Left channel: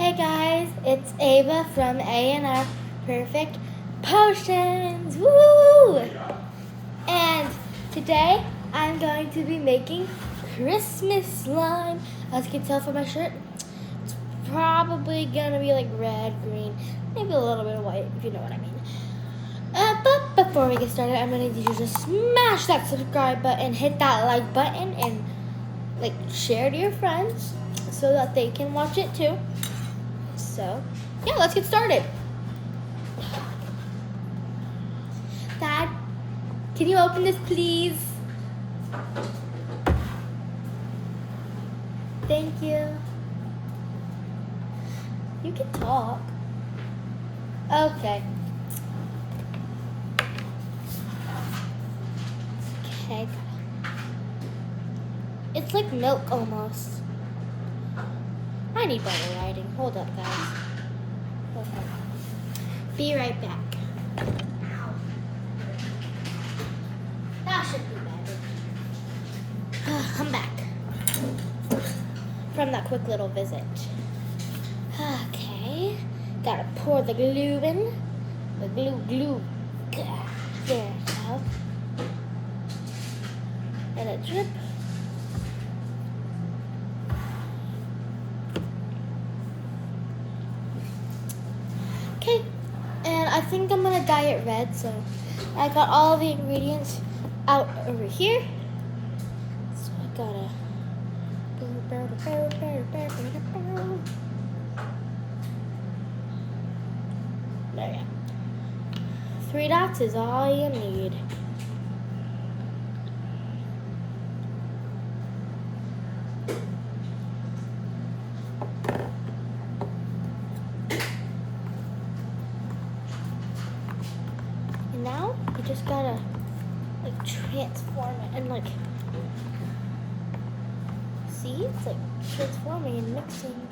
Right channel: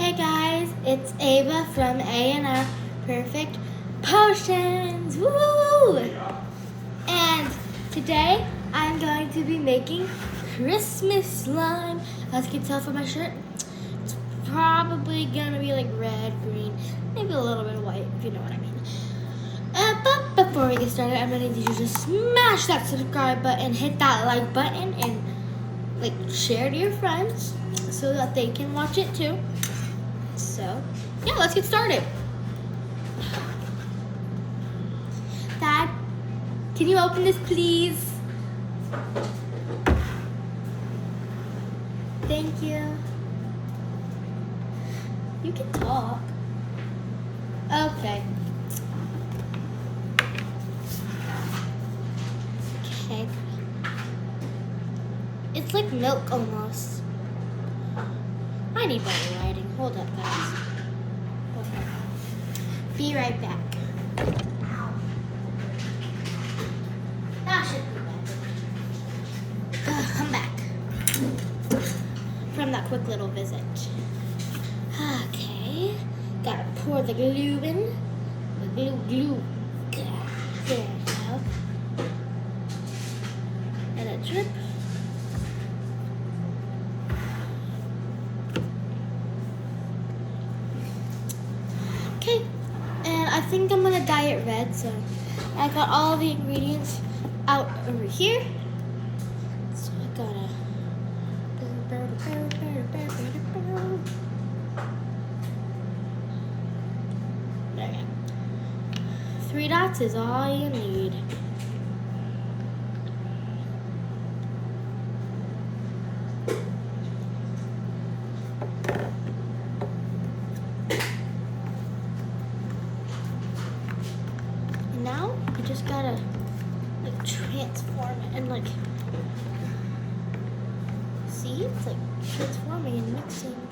Hey guys, it's Ava from A&R Perfect Potions. Woo! And today I'm going to be making Christmas slime. As you can tell from my shirt, it's probably gonna be like red, green, maybe a little bit of white, if you know what I mean. But before we get started, I'm gonna need you to just smash that subscribe button, hit that like button, and share to your friends so that they can watch it too. So, yeah, let's get started. Dad, can you open this, please? Thank you. You can talk. Okay. Okay. It's like milk almost. I need better lighting. Hold up, guys. Okay. Be right back. Ow. That should be better. I'm back from that quick little visit. Okay. Gotta pour the glue in. The glue. There we go. Let it drip. Okay, and I think I'm gonna dye it red, so I got all the ingredients out over here. So I gotta there we go. 3 dots is all you need. Now you just gotta transform it and see, it's transforming and mixing.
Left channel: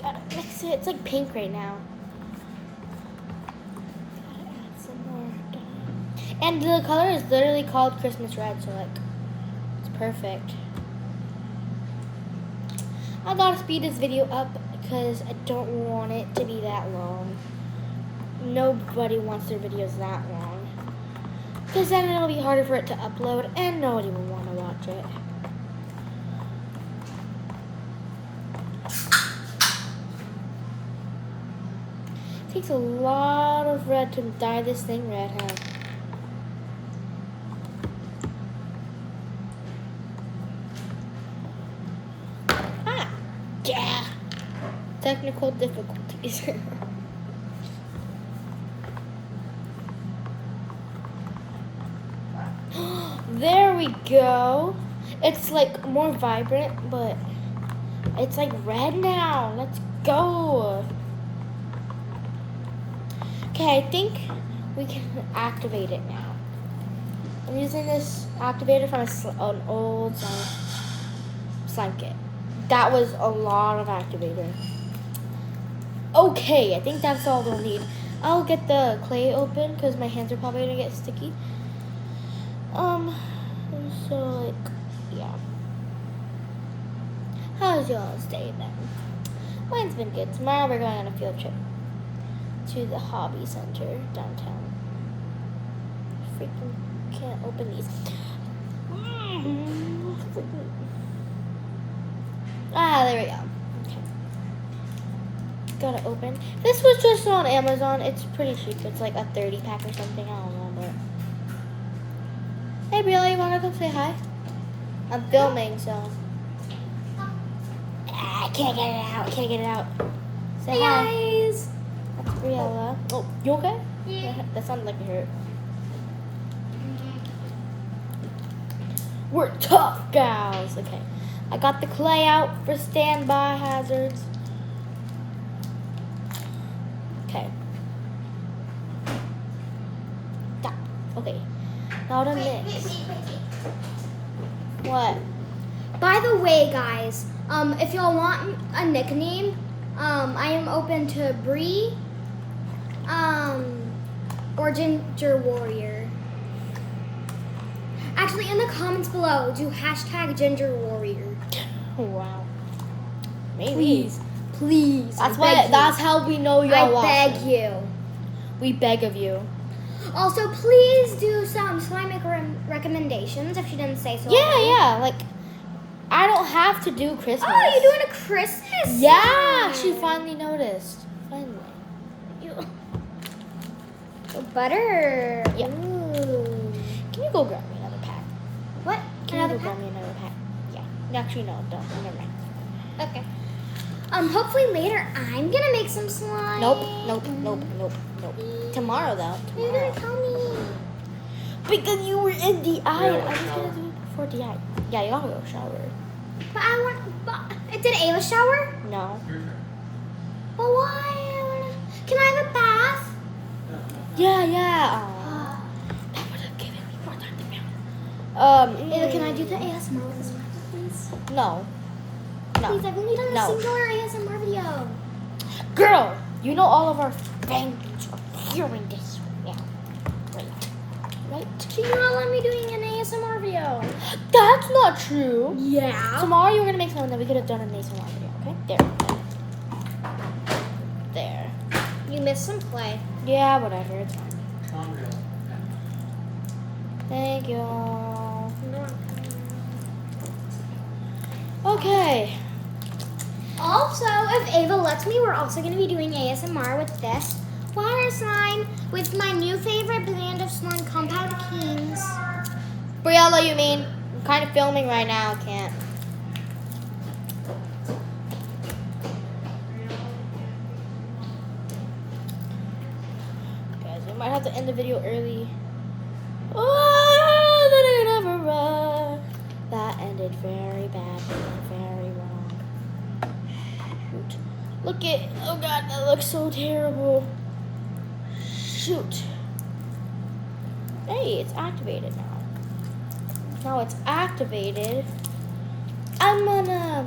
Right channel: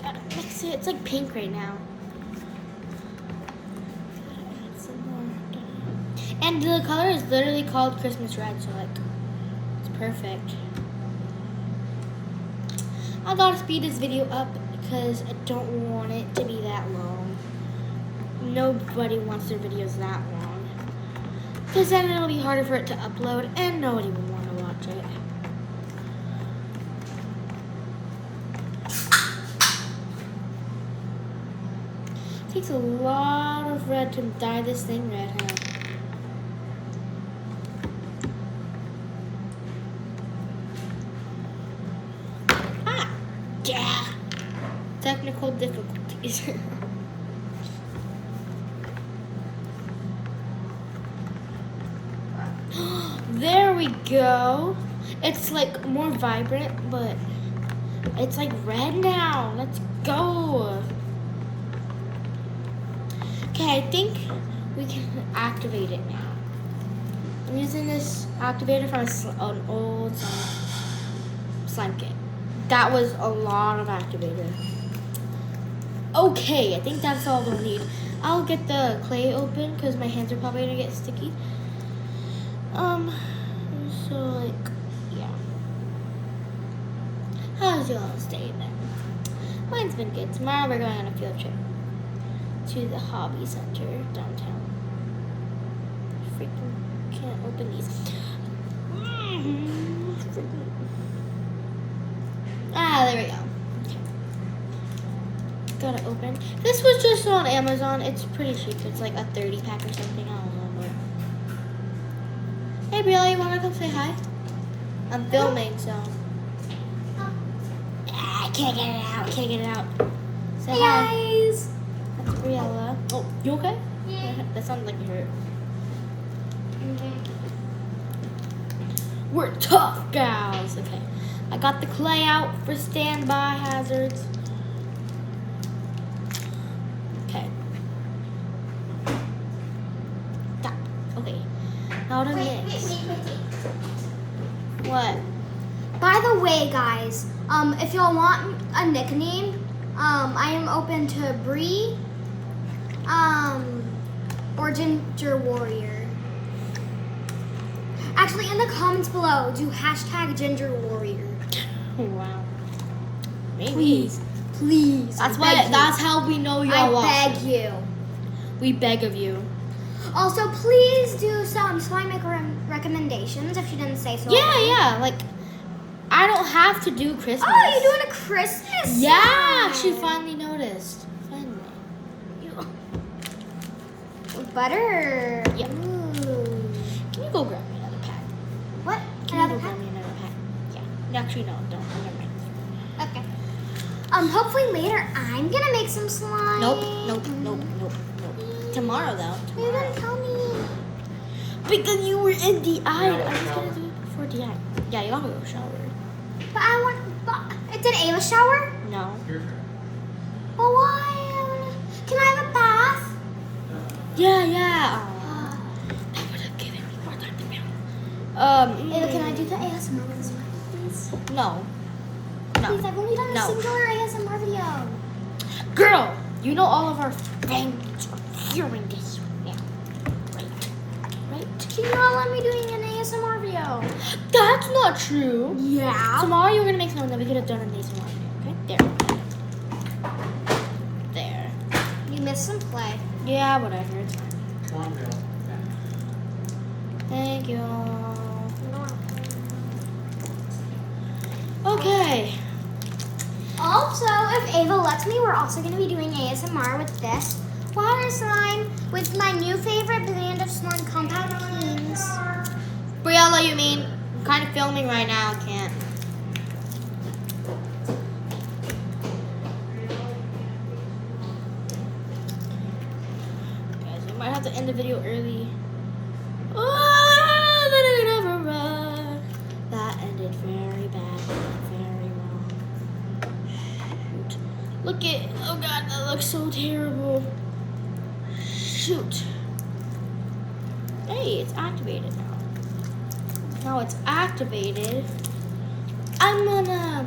Gotta mix it. It's pink right now. Gotta add some more dye. And the color is literally called Christmas red, so it's perfect. I gotta speed this video up because I don't want it to be that long. Nobody wants their videos that long. Because then it'll be harder for it to upload and nobody will want to watch it. It takes a lot of red to dye this thing red, huh? Yeah. Technical difficulties. There we go. It's more vibrant, but it's red now. Let's go. Okay, I think we can activate it now. I'm using this activator from an old slime kit. That was a lot of activator. Okay, I think that's all we'll need. I'll get the clay open because my hands are probably gonna get sticky. So yeah. How's y'all's day then? Mine's been good. Tomorrow we're going on a field trip to the hobby center downtown. Freaking can't open these. There we go. Okay. Gotta open. This was just on Amazon. It's pretty cheap. It's a 30 pack or something. I don't know. Hey, Briella, you wanna come say hi? I'm filming, so. I can't get it out. Can't get it out. Say hi. Guys. That's Briella. Oh, you okay? Yeah. That sounded like you hurt. We're tough gals. Okay. I got the clay out for standby hazards. Okay. Stop. Okay. Now to mix. Wait. What? By the way, guys, if y'all want a nickname, I am open to Bree, or Ginger Warrior. Actually, in the comments below, do hashtag Ginger Warrior. Oh, wow. Maybe. Please. That's how we know y'all I watching. beg you. We beg of you. Also, please do some slime maker recommendations if you didn't say so. already. Yeah. Like, I don't have to do Christmas. Oh, you're doing a Christmas? Yeah, slime. she finally noticed. Finally. Butter. Yeah. Ooh. Can you go grab me another pack? What? Can Another you go pack? grab me another pack? Yeah. Actually, no, don't. Never mind. Okay. Hopefully later I'm gonna make some slime. Nope. Tomorrow, though. You didn't tell me. Because you were in DI. I was going to do it before DI. Yeah, you gotta go shower. But did Ava shower? No. But why? Can I have a bath? Yeah. Aw. That would have given me more time to film. Ava, can I do the ASMR with this one, please? No. Please, I've only done No. a singular ASMR video. Girl, you know all of our fans are hearing this now. Right? She's not letting me doing an ASMR video. That's not true. Yeah. Tomorrow you're gonna make something that we could have done an ASMR video, okay? There. You missed some play. Yeah, whatever, it's fine. Thank you. Okay. Also, if Ava lets me, we're also going to be doing ASMR with this water slime with my new favorite brand of slime, Compound Kings. Briella, you mean? I'm kind of filming right now, I can't. Guys, we might have to end the video early. Oh, that I never run. That ended very badly and very wrong. Shoot. Look at, oh god, that looks so terrible. Shoot. Hey, it's activated now. Now it's activated. I'm gonna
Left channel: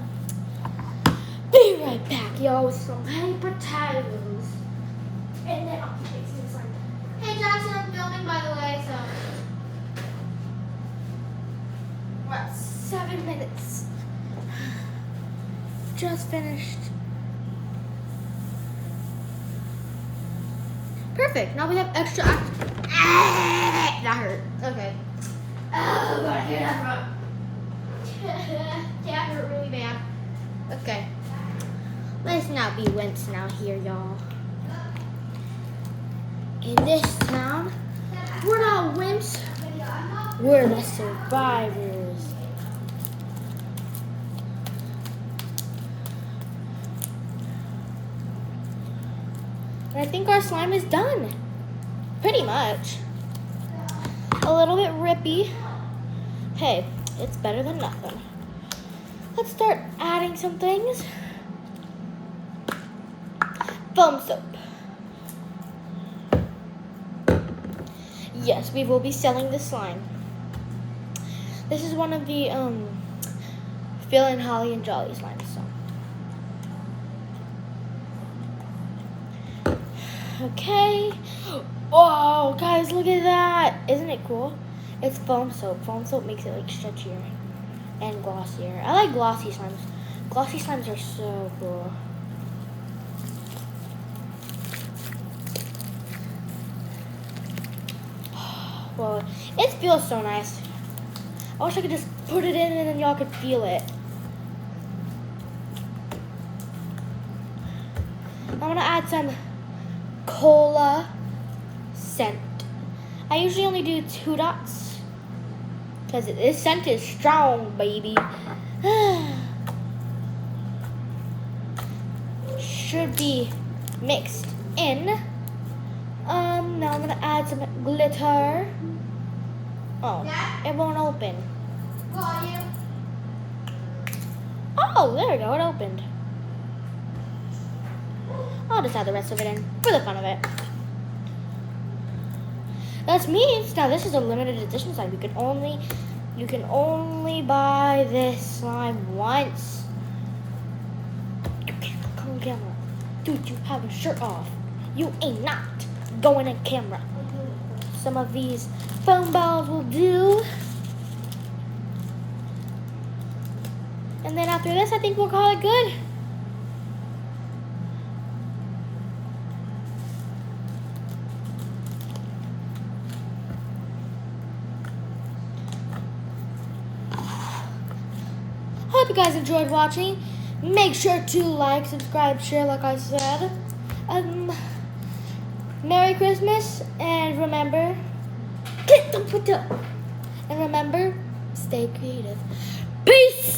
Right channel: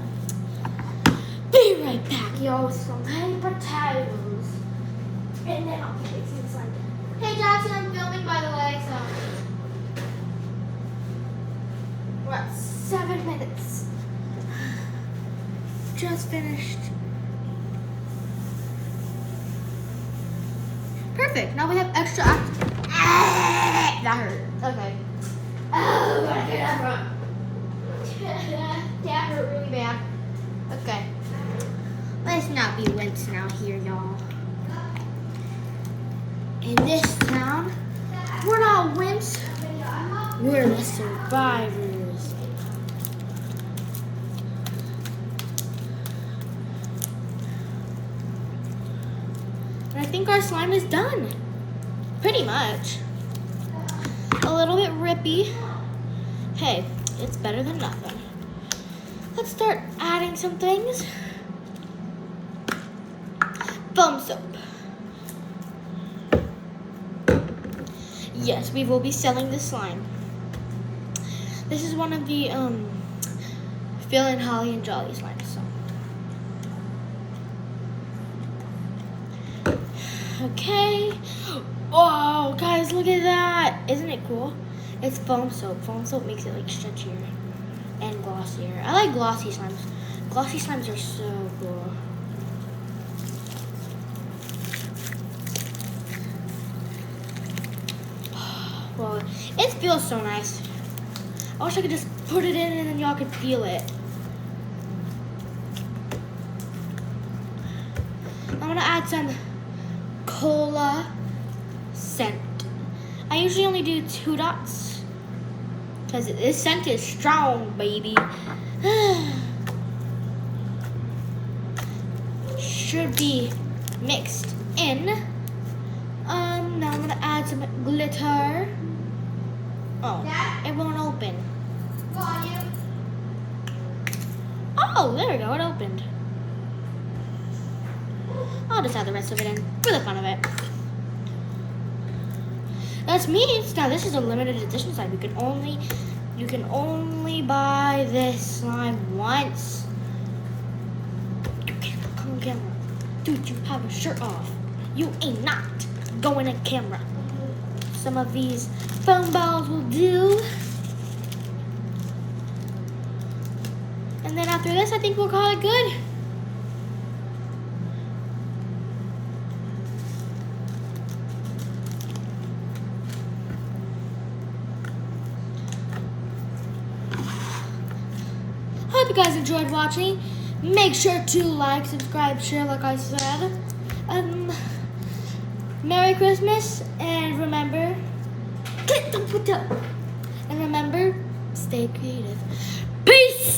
be right back, y'all, with some honey potatoes. And then I'll play some slime. Hey, Jackson, I'm filming, by the way, so. We're at 7 minutes. Just finished. Perfect. Now we have extra that hurt. Okay. Oh, that hurt really bad. Okay. Let's not be wimps now here, y'all. In this town, we're not wimps. We're the survivors. And I think our slime is done. Pretty much. A little bit rippy. Hey, it's better than nothing. Let's start adding some things. Foam soap. Yes, we will be selling this slime. This is one of the Phil and Holly and Jolly slimes. So. Okay. Oh, guys, look at that. Isn't it cool? It's foam soap. Foam soap makes it like stretchier and glossier. I like glossy slimes. Glossy slimes are so cool. Well, it feels so nice. I wish I could just put it in and then y'all could feel it. I'm gonna add some cola scent. I usually only do 2 dots because this scent is strong, baby. Should be mixed in. Now I'm gonna add some glitter. Oh, it won't open. Oh, there we go, it opened. I'll just add the rest of it in for the fun of it. That means now this is a limited edition slime. You can only buy this slime once. Come on, camera. Dude, you have a shirt off. You ain't not going in camera. Some of these foam balls will do. And And then after this, I think we'll call it good. Hope you guys enjoyed watching. Make sure to like, subscribe, share, like I said. Merry Christmas, and remember, stay creative.